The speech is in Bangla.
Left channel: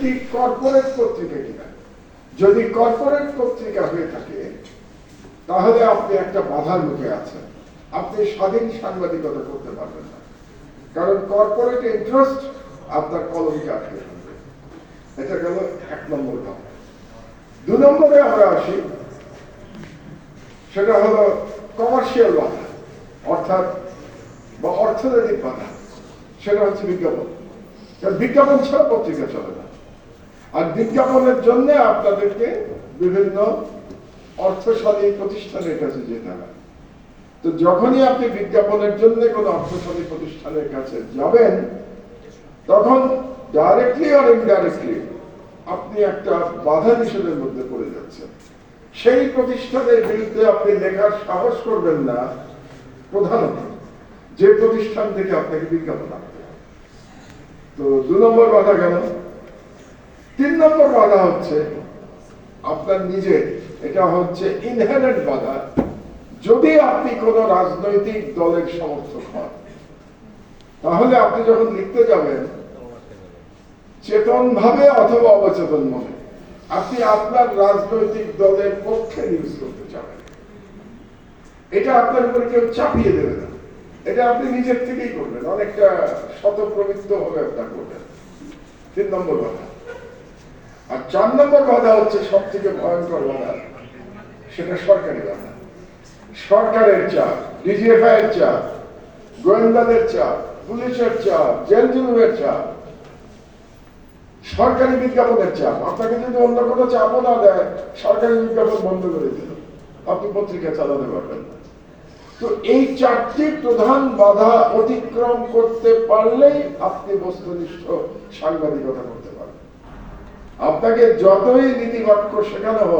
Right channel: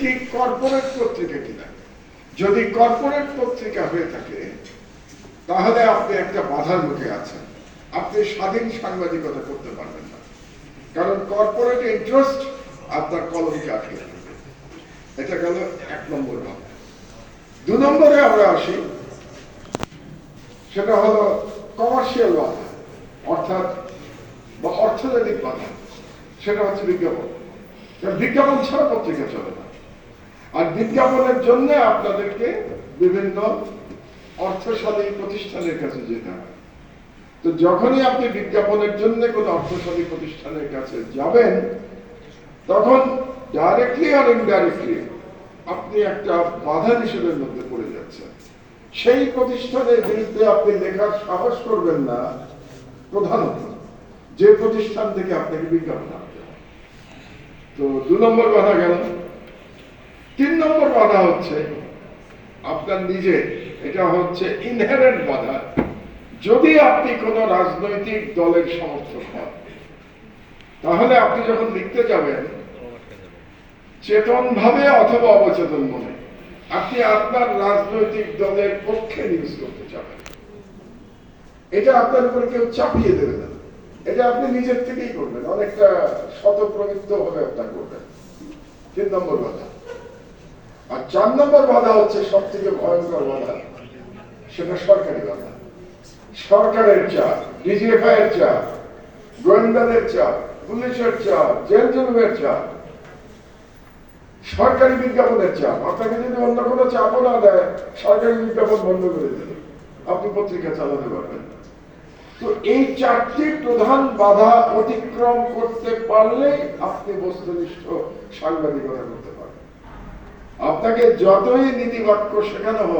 কি কর্পোরেট পত্রিকা কিনা। যদি কর্পোরেট পত্রিকা হয়ে থাকে তাহলে আপনি একটা বাধার মুখে আছেন, আপনি স্বাধীন সাংবাদিকতা করতে পারবেন না, কারণ কর্পোরেট ইন্টারেস্ট আপনার কলমকে আটকে থাকবে। এটা গেল 1 নম্বর বাধা। 2 নম্বরে আমরা আসি, সেটা হলো কমার্শিয়াল বাধা, অর্থাৎ বা অর্থনৈতিক বাধা। সেটা হচ্ছে বিজ্ঞাপন। কারণ বিজ্ঞাপন ছাড়া পত্রিকা চলে না, আর বিজ্ঞাপনের জন্য আপনাদেরকে বিভিন্ন অর্থশালী প্রতিষ্ঠানের কাছে যেতে হয়। তো যখনই আপনি বিজ্ঞাপনের জন্য কোন অর্থশালী প্রতিষ্ঠানের কাছে যাবেন, তখন ডাইরেক্টলি আর ইনডাইরেক্টলি আপনি একটা বাধা নিষেধের মধ্যে পড়ে যাচ্ছেন। সেই প্রতিষ্ঠানের বিরুদ্ধে আপনি লেখার সাহস করবেন না, প্রধানত যে প্রতিষ্ঠান থেকে আপনাকে বিজ্ঞাপন আনতে। তো 2 নম্বর বাধা গেল। 3 নম্বর বাধা হচ্ছে আপনার নিজের, এটা হচ্ছে ইনহেরেন্ট বাধা। যদি আপনি কোন রাজনৈতিক দলের সমর্থক হন, তাহলে আপনি যখন লিখতে যাবেন, চেতন ভাবে অথবা অবচেতন মনে আপনি আপনার রাজনৈতিক দলের পক্ষে নিউজ করতে যাবেন। এটা আপনার উপরে কেউ চাপিয়ে দেবে না, এটা আপনি নিজের থেকেই করবেন, অনেকটা স্বতঃপ্রবৃত্ত ভাবে আপনার করবেন। 3 নম্বর বাধা। আর 4 নম্বর বাধা হচ্ছে সব থেকে ভয়ঙ্কর বাধা, সেটা সরকারি বাধা। সরকারের চাপ, ডিজিএফআই এর চাপ, গোয়েন্দাদের চাপ, পুলিশের চাপ, জেল জুলুমের চাপ, সরকারি বিজ্ঞাপনের চাপ। আপনাকে যদি অন্য কোনো চাপও না দেয়, সরকারি বিজ্ঞাপন বন্ধ করে দেবে, আপনি পত্রিকা চালাতে পারবেন না। তো এই 4টি প্রধান বাধা অতিক্রম করতে পারলেই আপনি বস্তুনিষ্ঠ সাংবাদিকতা করতে পারবেন। আপনাকে যতই নীতিবাক্য শেখানো হোক,